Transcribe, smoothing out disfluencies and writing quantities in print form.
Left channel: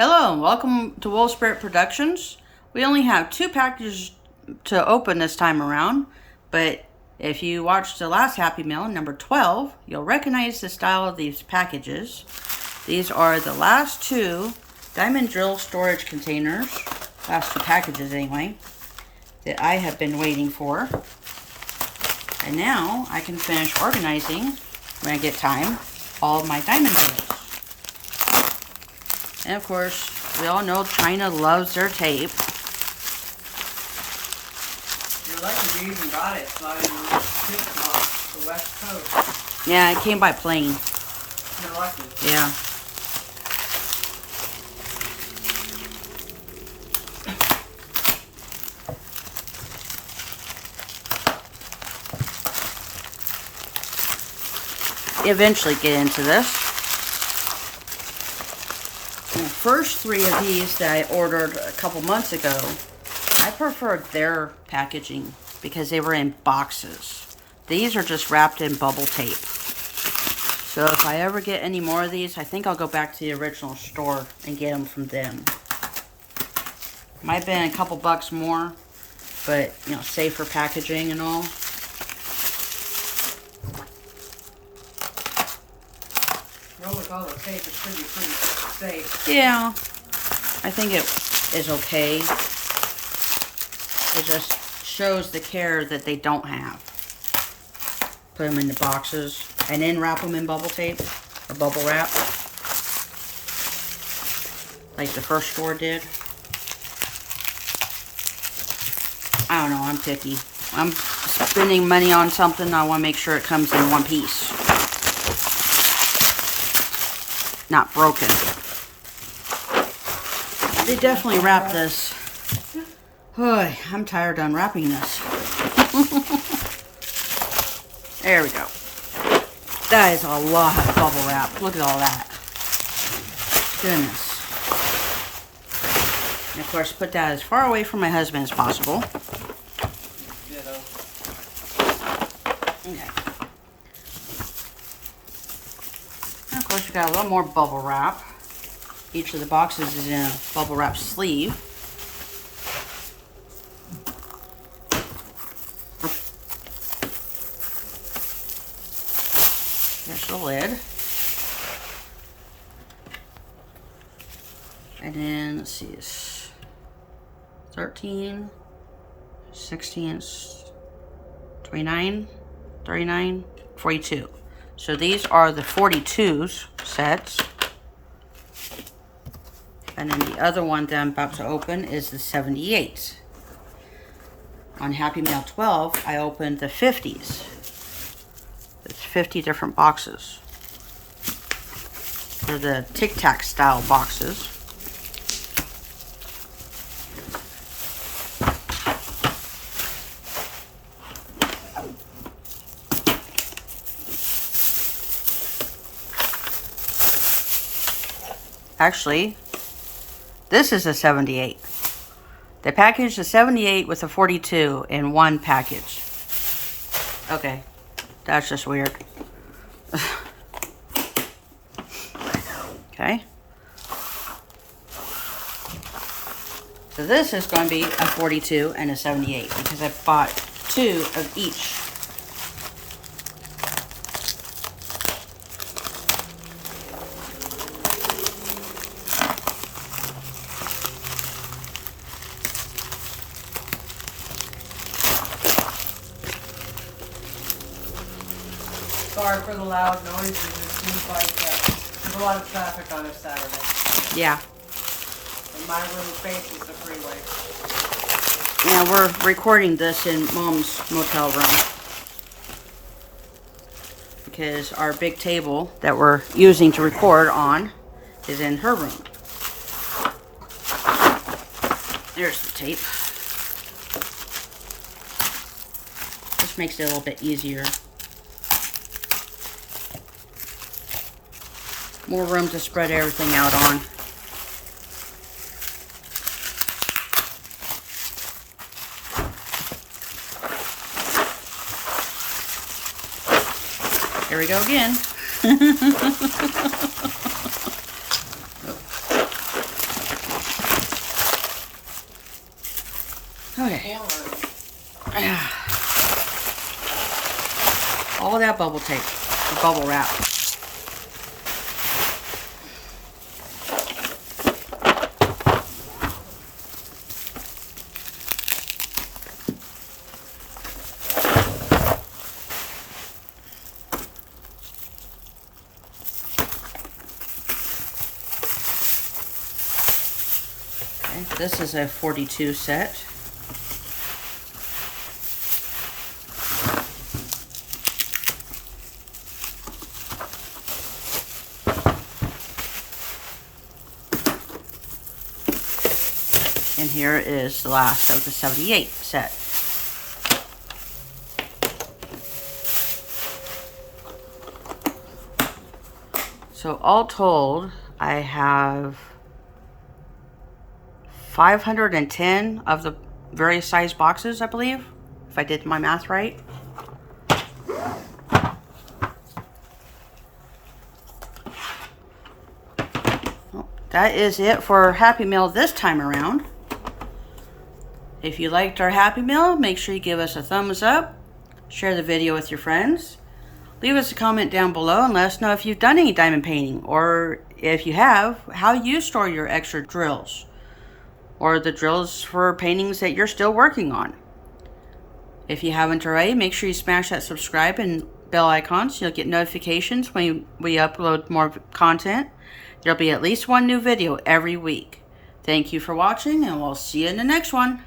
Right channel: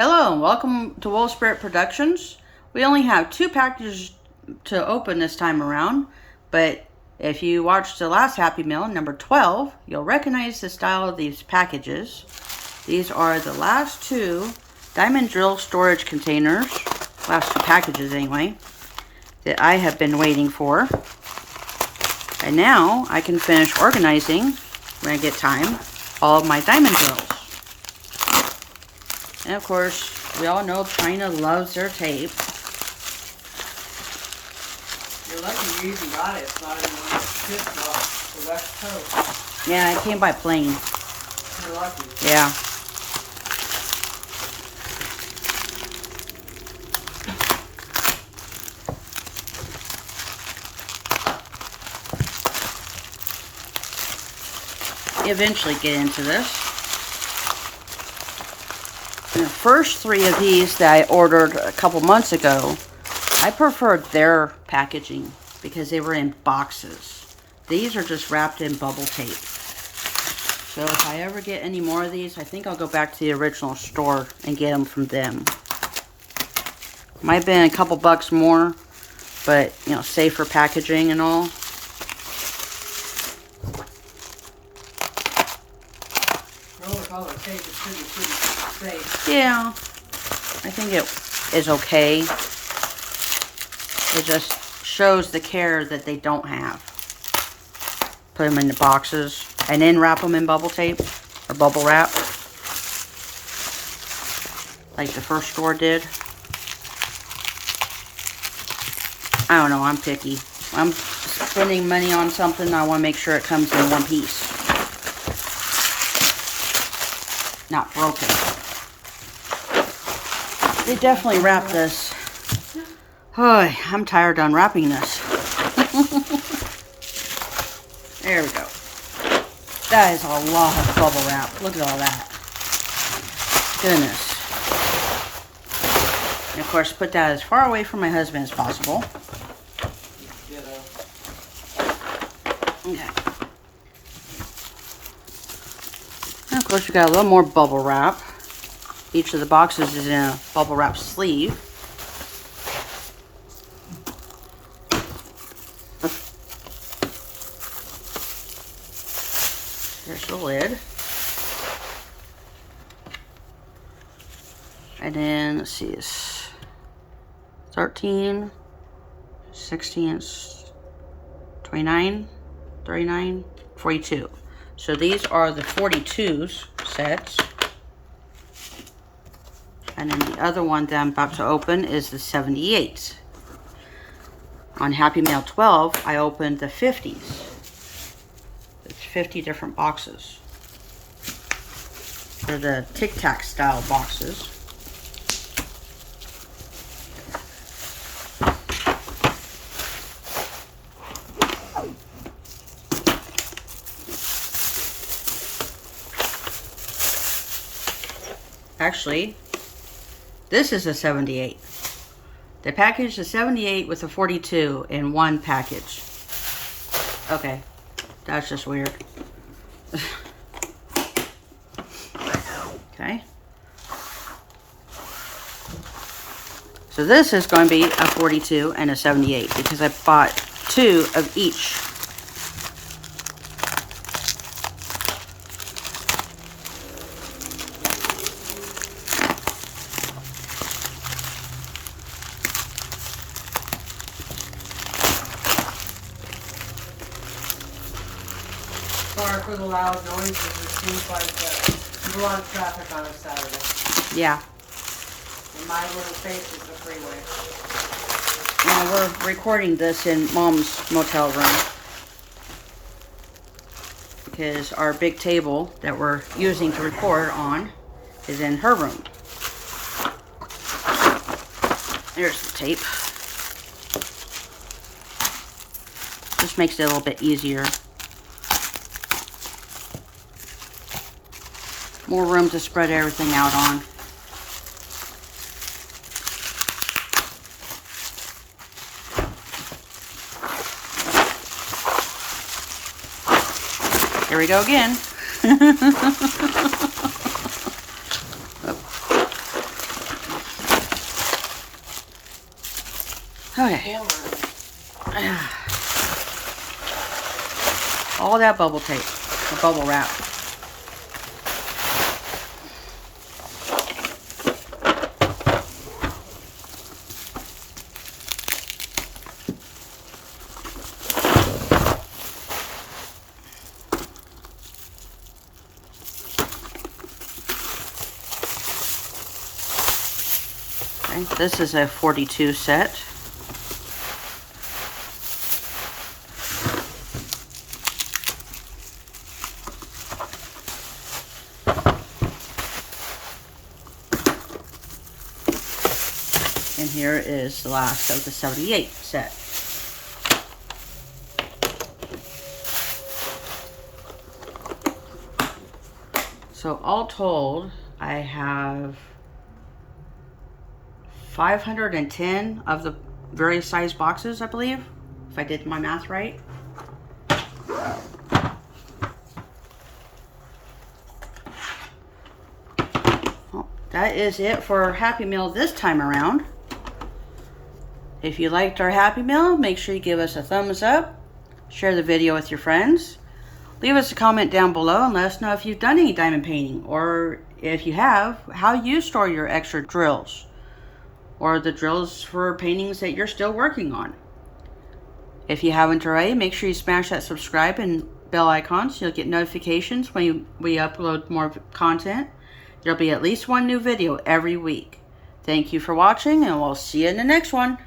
Hello and welcome to Wolf Spirit Productions. We only have 2 packages to open this time around, but if you watched the last Happy Meal, number 12, you'll recognize the style of these packages. These are the last 2 diamond drill storage containers, last 2 packages anyway, that I have been waiting for. And now I can finish organizing, when I get time, all of my diamond drills. And of course, we all know China loves their tape. You're lucky you even got it. It's not even off the West Coast. Yeah, it came by plane. You're lucky. Yeah. Eventually get into this. And the first 3 of these that I ordered a couple months ago, I preferred their packaging because they were in boxes. These are just wrapped in bubble tape. So if I ever get any more of these, I think I'll go back to the original store and get them from them. Might have been a couple bucks more, but you know, safer packaging and all. Well, with all the tape, it should be pretty safe. Yeah, I think it is okay. It just shows the care that they don't have. Put them in the boxes and then wrap them in bubble tape or bubble wrap, like the first store did. I don't know, I'm picky. I'm spending money on something, I want to make sure it comes in one piece, not broken. They definitely wrap this. Oh, I'm tired of unwrapping this. There we go. That is a lot of bubble wrap. Look at all that. Goodness. And of course, put that as far away from my husband as possible. Ditto. Okay. And of course, we got a little more bubble wrap. Each of the boxes is in a bubble wrap sleeve. There's the lid. And then, let's see, it's 13, 16, 29, 39, 42. So these are the 42s sets. And then the other one that I'm about to open is the 78s. On Happy Meal 12, I opened the 50s. It's 50 different boxes. They're the Tic Tac style boxes. Actually, this is a 78. They packaged the 78 with a 42 in one package. Okay, that's just weird. Okay. So this is going to be a 42 and a 78 because I bought 2 of each. Sorry for the loud noises. It seems like there's a lot of traffic on a Saturday. Yeah. And my little face is the freeway. Yeah, we're recording this in Mom's motel room because our big table that we're using to record on is in her room. There's the tape. This makes it a little bit easier. More room to spread everything out on. There we go again. Okay. All that bubble tape, or bubble wrap. Okay, this is a 42 set. And here is the last of the 78 set. So all told, I have 510 of the various size boxes, I believe, if I did my math right. Well, that is it for Happy Meal this time around. If you liked our Happy Meal, make sure you give us a thumbs up, share the video with your friends, leave us a comment down below and let us know if you've done any diamond painting, or if you have, how you store your extra drills, or the drills for paintings that you're still working on. If you haven't already, make sure you smash that subscribe and bell icon so you'll get notifications when we upload more content. There'll be at least one new video every week. Thank you for watching, and we'll see you in the next one.